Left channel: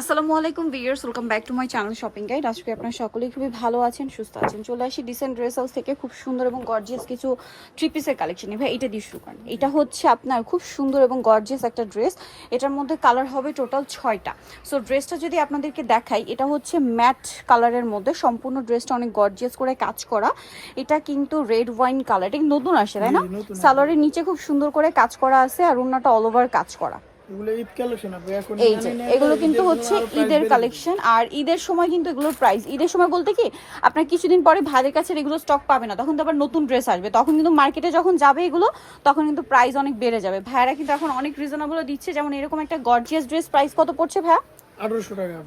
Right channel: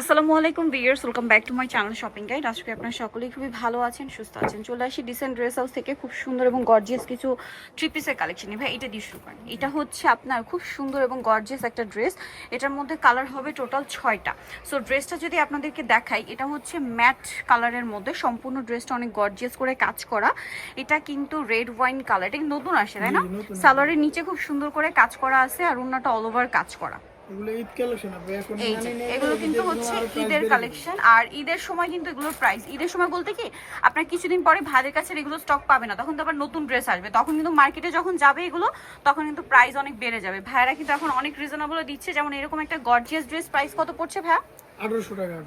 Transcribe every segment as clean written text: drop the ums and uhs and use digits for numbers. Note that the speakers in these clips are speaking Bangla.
আসসালামু আলাইকুম viewers, welcome back to my channel shopping guide. আজকে আপনারা সকলেই খুবই ভালো আছেন, সুস্থ আছেন। চলে আসি ডিসেন্ট ড্রেস হাউস থেকে খুব সুন্দর এবং গর্জিয়াস কিছু থ্রি পিসের কালেকশন। ভাই এটা দিয়ে শুরু করেন। এটা হচ্ছে আপনার খুব সুন্দর এবং গর্জিয়াস একটা ড্রেস। এটার মধ্যে কালার হবে টোটাল 6টা। সো ড্রেসটা যদি আপনাদেরকে দেখাই, এটা হচ্ছে ম্যাট কালারের মধ্যে, সম্পূর্ণ ড্রেসটা অনেক গর্জিয়াস করে কাজ করা। এটা কিন্তু রেড ওয়াইন কালার, এটা নতুন আসে তাই না? সালোয়ারের নিচে খুব সুন্দর করে কাজ করা আছে আর ওন্নাটা অল ওভার কাজ করা। এই যে এগুলো কিন্তু হচ্ছে ঈদের কালেকশন, আর ঈদের সময় কিন্তু এগুলোর প্রাইস, ঈদের সময় বলতে কি আপনার কিছুদিন পরে ভাইদের কাছে এগুলো স্টক পাবে না, তখন তো আবার নতুন ড্রেস আসবে, তখন কিন্তু মার্কেটে যখন যাবে এগুলো তখন কিন্তু প্রাইস অনেক বেড়ে যাবে। ভাইয়ারা কিন্তু এখন অনেক রিজনেবল দিচ্ছে। যেমন এরকম একটা গর্জিয়াস ড্রেস প্রাইস কত পড়ছে ভাইয়া?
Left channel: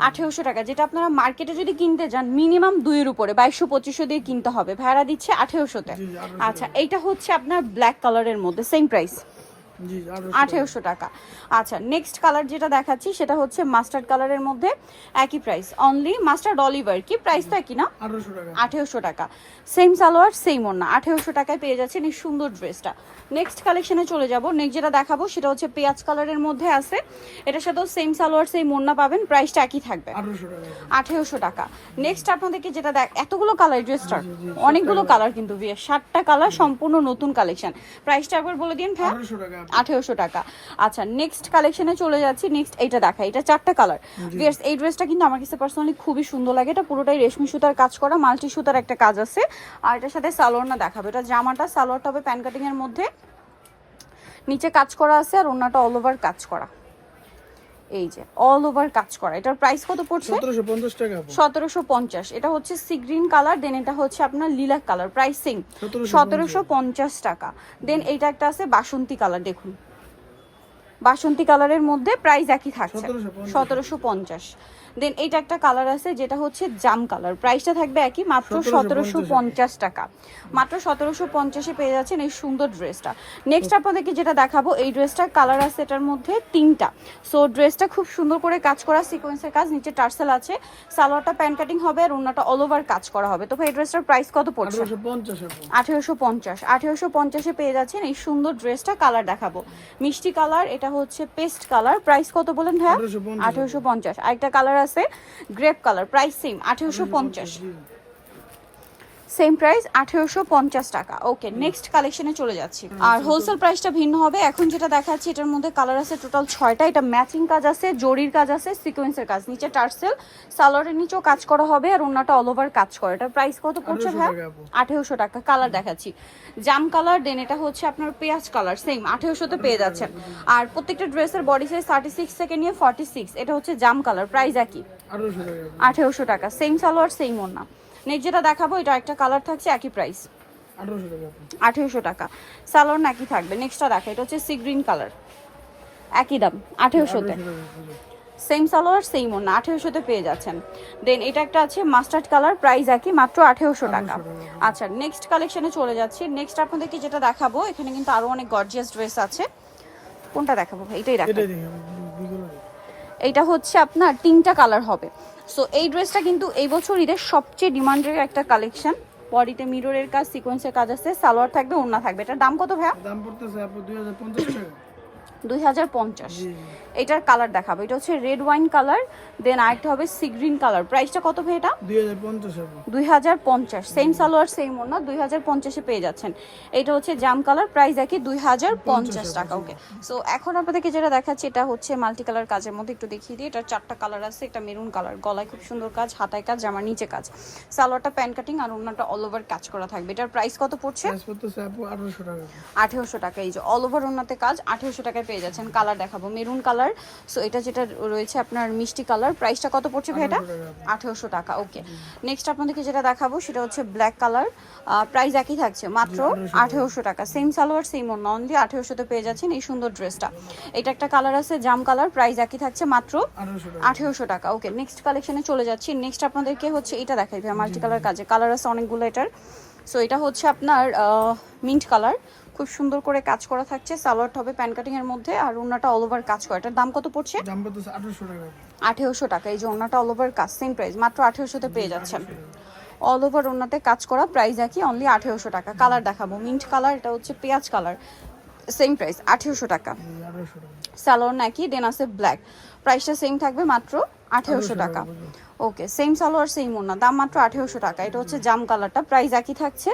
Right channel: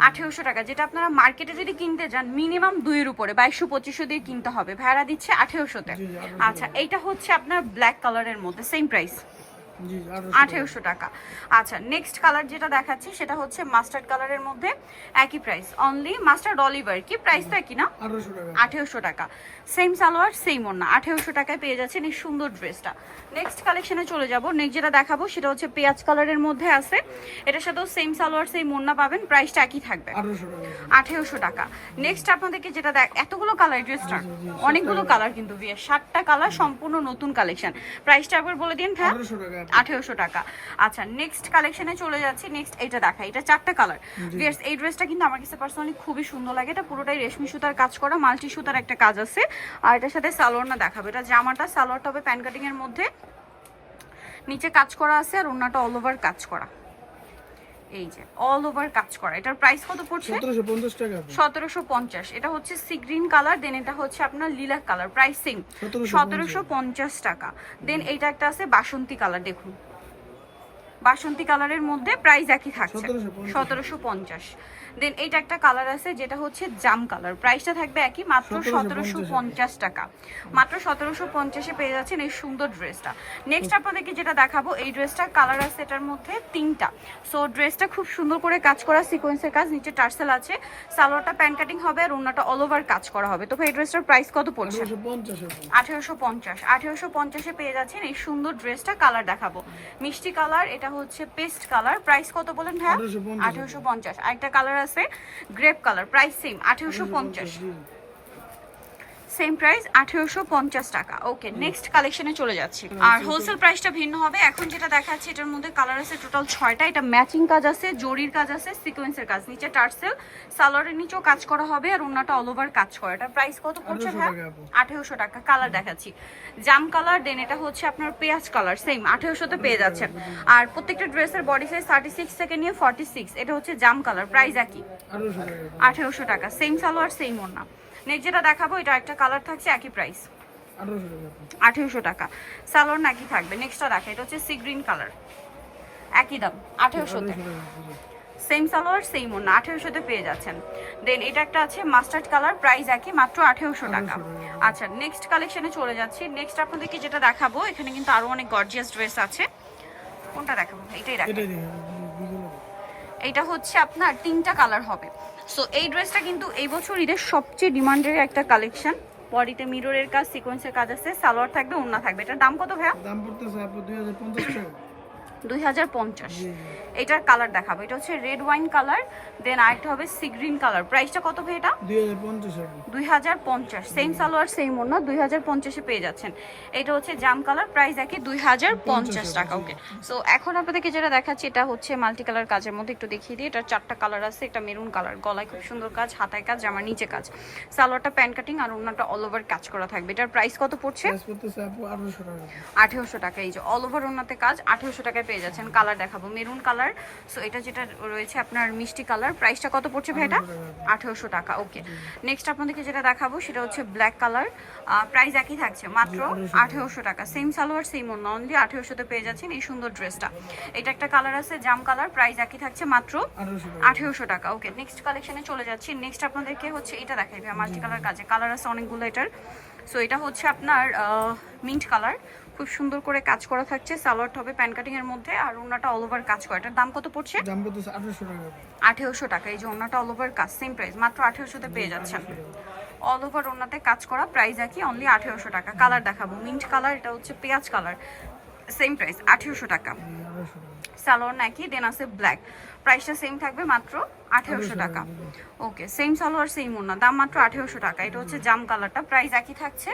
1800 টাকা। যেটা আপনারা মার্কেটে যদি কিনতে যান মিনিমাম 2 এর উপরে 2200-2500 দিয়ে কিনতে হবে, ভাইয়ারা দিচ্ছে 1800-তে। আচ্ছা, এইটা হচ্ছে আপনার ব্ল্যাক কালারের মধ্যে, সেম প্রাইস 1800 টাকা। আচ্ছা, নেক্সট কালার যেটা দেখাচ্ছি সেটা হচ্ছে মাস্টার্ড কালারের মধ্যে, একই প্রাইস, অনলি মাস্টার্ড অলিভার। কি প্রাইস তো একই না? 1800 টাকা। সেম সালোয়ার সেম ওড়না, 1800 টাকায় পেয়ে যাচ্ছেন এই সুন্দর ড্রেসটা। নেক্সট কালেকশনে চলে যাব। নেক্সট যেটা দেখাবো সেটা হচ্ছে পেঁয়াজ কালারের মধ্যে আছে, এটার সাথেও সেম সালোয়ার সেম ওড়না পাবেন, প্রাইসটা একই থাকবে 1800 টাকা। নেক্সট আপনাদেরকে যেটা এতগুলো কালার ড্রেসটার, অনেকগুলো কালার কিন্তু বিয়ে, 7টা কালার, সম্পূর্ণ নতুন কালেকশন। প্রাইসটা একবার বলে দিন ভাই। 1800 টাকা। আচ্ছা, নেক্সট কালেকশনে চলে যাচ্ছি। নেক্সট এইটা দেখা, এটা 4টা কালার। ভিউয়ার্স, এই ড্রেসটা কিন্তু আমার কাছে পার্সোনালি খুবই সুন্দর লাগে। এটা পুরোটাই রেশমি সুতার কাজ করা, মাল্টি সুতার একটা কাজ আছে। আর এটার সাথে সালোয়ারটা দেখাবো। এটা জামাটা, সালোয়ারটা হবে প্যান কাটিং এর মধ্যে, নিচে কাজ করা আছে আর ওন্নাটা অল ওভার কাজ করা। এই যে অল ওভার কাজ করা। এটার প্রাইস কত পড়ছে? 1750 টাকা। 1750। এটা হচ্ছে সি গ্রিন কালার, দেন এটা হচ্ছে আপনার লিলাক কালার, প্রাইস সেম 1750 টাকা। দেন এইটা একটা আছে বাসন্তী কালার, দেখুন বাসন্তী কালারের মধ্যে প্রাইস একই থাকছে 1750। দেন এইটা একটা কালার আছে যেটা হচ্ছে জাম কালার, প্রাইসটা থাকবে একই, মাত্র 1750 টাকা। মাত্র 1750-এ পেয়ে যাচ্ছেন এই সুন্দর ড্রেসটা। নেক্সট আপনাদেরকে যেটা দেখাবো, এই ড্রেসটার কালার আছে এটার মধ্যে 3টা। সো ড্রেসটা খুব সুন্দর করে কাজ করা, সিকোয়েন্সের কাজ, নিচে টার্সেল আছে, সালোয়ারটা প্যান কাটিং হবে আর ওন্নাটা অল ওভার কাজ করা হবে। তো ভাই এই ড্রেসটার প্রাইস কত পড়ছে? 1850। 1850-এ পেয়ে যাচ্ছেন এই সুন্দর ড্রেসটা। কালার দেখাবো, মিষ্টি কালার, এটা হচ্ছে পেস্ট কালার, প্রাইস কত বলেন ভাই? 1850। আরেকটা কালার আছে grape colour, price same 1850। Same price 1850 টাকা। ওকে, নেক্সট কালেকশনে চলে যাচ্ছি। আর হোলসেল প্রাইসটা ভিন্ন হবে। এখন যেটা দেখাচ্ছি এটার মধ্যে কালার আছে টোটাল 6টা। এটা ম্যাচিং কাজ আছে, জরির কাজ আছে, সিকোয়েন্সের কাজ, নিচে টার্সেল, সালোয়ারের নিচেও কাজ করা হবে আর ওন্নাটা অল ওভার কাজ করা। এটার প্রাইস কত পড়ছে ভাই? 1800 টাকা। কালার দেখাচ্ছি, জাম কালার, দেন এটা হচ্ছে আপনার পেঁয়াজ কালার, সেম 1800-তে পেয়ে যাচ্ছেন। আর প্রত্যেকটা ড্রেসের বডি সাইজ 36 থেকে নিয়ে 46। এটা হচ্ছে জাম কালার, প্রাইস একই 1800 টাকা। সেম সালোয়ার সেম ওন্না। নেক্সট যেটা দেখাবো এটা একটা কালার থাকছে, একই প্রাইস 1800 টাকা। সালোয়ার নাকি থাকবে। নেক্সটটা দেখা, এটা হচ্ছে সি গ্রিন কালার, একই দাম 1800-তে। সেম সালোয়ার সেম ওন্না, 1800-তে পেয়ে যাচ্ছেন। দেন এটা একটা আছে মাস্টার্ড কালার, প্রাইস একই, মাত্র 1800 টাকা। আচ্ছা, নেক্সট কালেকশনে চলে যাচ্ছি। নেক্সট আপনাদেরকে যেটা দেখাবো, এখানে কিন্তু আরো অনেক গর্জিয়াস ড্রেস আছে। কোনটা দেখাবো? এটাই দেখাবো। এইটা হচ্ছে আপনার 3টা কালার হবে। সো এই ড্রেসটা কিন্তু এই বছর ঈদের সবচেয়ে ডিমান্ডের একটা কালেকশন। বডিতে মিররের কাজ, সিকোয়েন্সের কাজ আছে, সালোয়ার থাকবে, ওড়না থাকবে। এটার দাম কত ভাইয়া? দাম পড়তেছে আপু 2050 টাকা। 2050। এটার কালার দেখাবো, এটা হচ্ছে রেড ওয়াইন কালার, দেন আরেকটা হবে সি গ্রিন কালার। প্রাইসটা কত ভাই এটা? 2050। সেম সালোয়ার সেম ওড়না, 2050-এ পেয়ে যাচ্ছেন। এটা হচ্ছে জাম কালার, প্রাইস একই 2050 টাকা। ওকে, সো এখন আপনাদেরকে যেটা দেখাচ্ছি এটা হচ্ছে মাল্টি কালার কাজের মধ্যে, একটু দেখিয়ে দিই। এটার 4টা কালার আছে। এটা মেরুন কালার, গলায় খুব সুন্দর কাজ, হাতায় কাজ, জামার নিচে কাজ, সালোয়ারটা প্যান কাটিং আর ওড়নাটা অল ওভার কাজ করা থাকবে। এটার প্রাইস কত পড়ছে? 1800 টাকা। এই যে অল ওভার ওড়নাতে কাজ, 1800 টাকায় পেয়ে যাচ্ছেন। কালার দেখাবো, মেরুন কালার। সো এটা যেটা রয়েছে আপনার মিষ্টি কালার, প্রাইসটা কত পড়ছে ভাই এটা? 1800 টাকা। ওকে, নেক্সট আপনাদেরকে যেটা দেখাবো সেটা হচ্ছে ব্ল্যাক কালার, প্রাইস একই থাকছে, মাত্র 1800 টাকা। সেম সালোয়ার সেম ওন্না, অনলি 1800-তে পেয়ে যাচ্ছেন এই সুন্দর ড্রেসটা। এটা একটা কালার আছে জাম কালার, প্রাইস একই থাকছে, মাত্র 1800 টাকা। ওকে, নেক্সট কালেকশনে চলে যাচ্ছি। নেক্সট আপনাদেরকে হচ্ছে এটা দেখাই ভাই, মাল্টি কালার কাজে, কালার আছে অনেকগুলো এটার। সো এটা হচ্ছে আপনার মিন্ট কালার, খুব সুন্দর করে কাজ করা থাকছে, সালোয়ারটা হবে প্যান কাটিং এর মধ্যে আর ওন্নাটা অল ওভার কাজ করা। এটার দাম কত পড়ছে? দাম পড়তেছে 1800 টাকা। 1800 টাকা। এই যে ওন্নাটা অল ওভার কাজ, সেম প্রাইস, মাত্র 1800-তে পেয়ে যাচ্ছেন। অল ওভার ওন্নাতে কাজ করা, প্রাইস একই, অনলি 1800 টাকা। কালার দেখাবো, মিন্ট কালার, এটা হচ্ছে পেঁয়াজ কালার, সেম প্রাইস 1800 টাকা। সালোয়ার নাকি, দেন আছে ব্ল্যাক, প্রাইসটা সেম থাকবে মাত্র 1800 টাকা। ওকে, সেম সালোয়ার সেম ওড়না, দাম মাত্র 1800 টাকা। এটা হচ্ছে জাম কালারটা, প্রাইস একই থাকছে,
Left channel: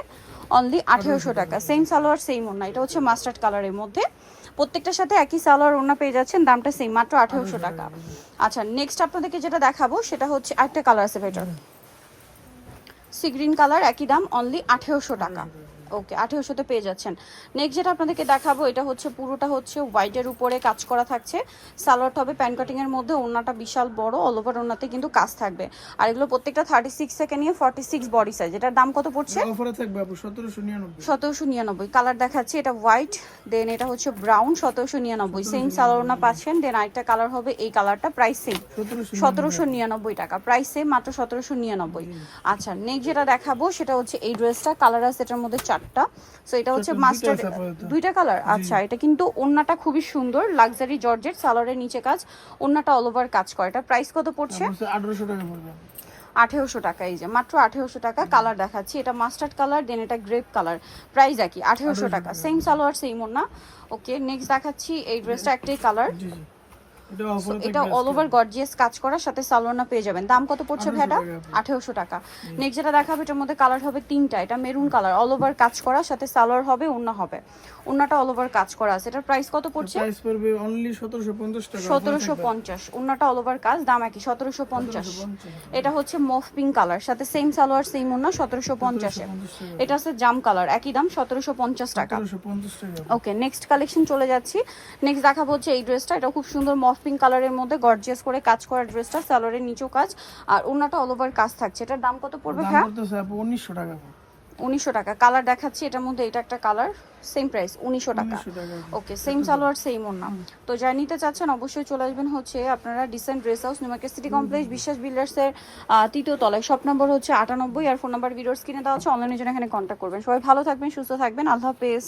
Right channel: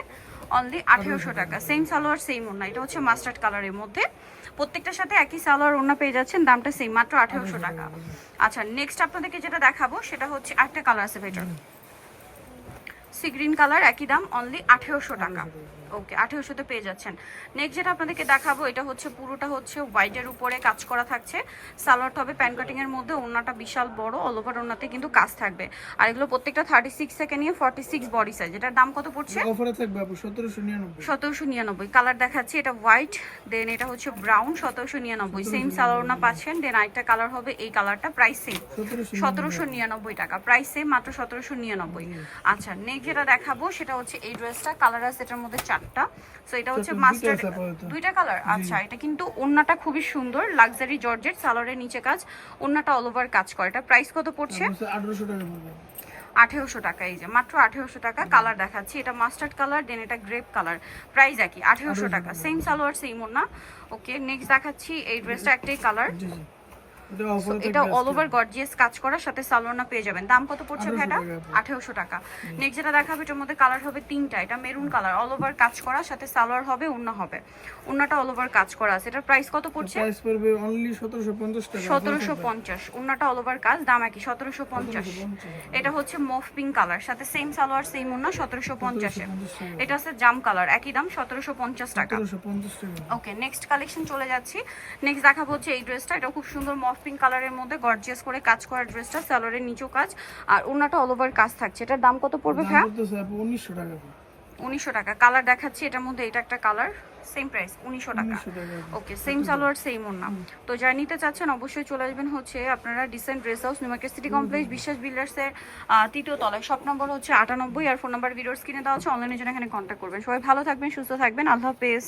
অনলি 1800 টাকা। সেম সালোয়ার সেম ওড়না, এটা হচ্ছে মাস্টার্ড কালারের মধ্যে, প্রত্যেকটার সাথে একই সালোয়ার ওড়না পেয়ে যাচ্ছেন, দামটা সেম মাত্র 1800 টাকা। আচ্ছা, নেক্সট আপনাদেরকে যেটা দেখাবো সেটা হচ্ছে একটা কালার আছে বেটার, সি গ্রিন কালার, একই দাম, অনলি 1800 টাকা। ওকে, 1800 পেয়ে যাচ্ছেন। নেক্সট যেটা আপনাদেরকে দেখাবো এটা হচ্ছে পুরোটা হচ্ছে হোয়াইটের উপরে কাজ করা থাকছে, সালোয়ারটা হবে প্যান কাটিং এর মধ্যে, ওড়নাটা বিশাল বড়, অল ওভার ওড়নাতে কিন্তু কাজ থাকবে। আর এগুলো প্রত্যেকটা 36 থেকে নিয়ে 46 বডি সাইজ। এটার দাম কত পড়ছে? অফারে থাকবে আপু 1799। 1799 কালার দেখাচ্ছি, এটা হোয়াইট, দেন এটা হচ্ছে ব্রাউন, 1799 সেম সালোয়ার ওড়না পাচ্ছেন। দেন আরেকটা কালার হবে এই কালারটা, প্রাইস সেম 1799 টাকা, প্রাইস সেম মাত্র 1799। আচ্ছা, নেক্সট যেটা দেখাবো সেটা হচ্ছে এই ড্রেসটা, কালার আছে এটার মধ্যে 4টা। সো এটা হচ্ছে মাস্টার্ড, দুইটা কালার। আচ্ছা, এটা কিন্তু ওড়নাটা খুবই সুন্দর, লাক্সারি জর্জেট, সালোয়ারের নিচে কাজ, ওড়নাটা অল ওভার কাজ করে। এটা প্রাইস কত পড়ছে? 1800 টাকা পড়বে। 1800 টাকা। এই যে মাত্র 1800 টাকা। কালার দেখাচ্ছি, এটা মাস্টার্ড কালার, দেন এটা গ্রেপ কালার, প্রাইস একই 1800 টাকা, সেম সালোয়ার সেম ওড়না। ওকে, নেক্সট দেখাচ্ছি এই ড্রেসটা, একটাই কালার, এটা অল ওভার গর্জিয়াস কাজ করার সাথে সালোয়ার পেয়ে যাবেন। দাম কত পড়ছে ভাইটা? 1800 টাকা। নেক্সট যেটা দেখাবো এটার মধ্যে কালার হবে 3টা, এটা মেরুন কালার, অল ওভার কাজ করা, সাথে সালোয়ার হবে, ওড়না হবে, ওড়নাটা অল ওভার কাজ করা আছে। এটার প্রাইস কত পড়ছে? প্রাইস পড়বে অনলি 1750 টাকা। 1750, ওড়নাটা অল ওভার কাজ, দাম একই 1750। এটা হচ্ছে মফ পিঙ্ক কালার, সাথে সেম সালোয়ার সেম ওড়না, 1750 এ। এটা আছে জাম কালার, একই দাম 1750 টাকা। 1750 টাকা। ওকে, নেক্সট কালেকশন চলে যাচ্ছি। নেক্সট দেখাবো হচ্ছে এই ড্রেসটা, এটা খুব সুন্দর মফ পিঙ্ক কালারের মধ্যে গর্জিয়াস করে কাজ করা ড্রেসটা, সালোয়ারের নিচেও কাজ আর ওড়নাটা অল ওভার কাজ থাকছে। এটার দাম কত পড়বে ভাই? 1900 টাকা। 1900 টাকা। কালার দেখাচ্ছি, এটার মধ্যে এটা একটা কালার, সেম প্রাইস 1900 টাকা। ওকে, সেম সালোয়ার সেম ওড়না। তো যারা নিতে চাচ্ছেন অবশ্যই চলে আসবেন হচ্ছে আপনারা dissent dress house, new market city complex, বিশ্বাস বিল্ডার্সের 3য় তলায়, শপ নম্বর হচ্ছে 98 আর ফোন নাম্বার ভিডিওর স্ক্রিনে দেওয়া আছে, অনলাইনের জন্য এখানে কন্ট্যাক্ট করবেন। সবাই ভালো থাকবেন, সুস্থ থাকবেন, আল্লাহ হাফেজ।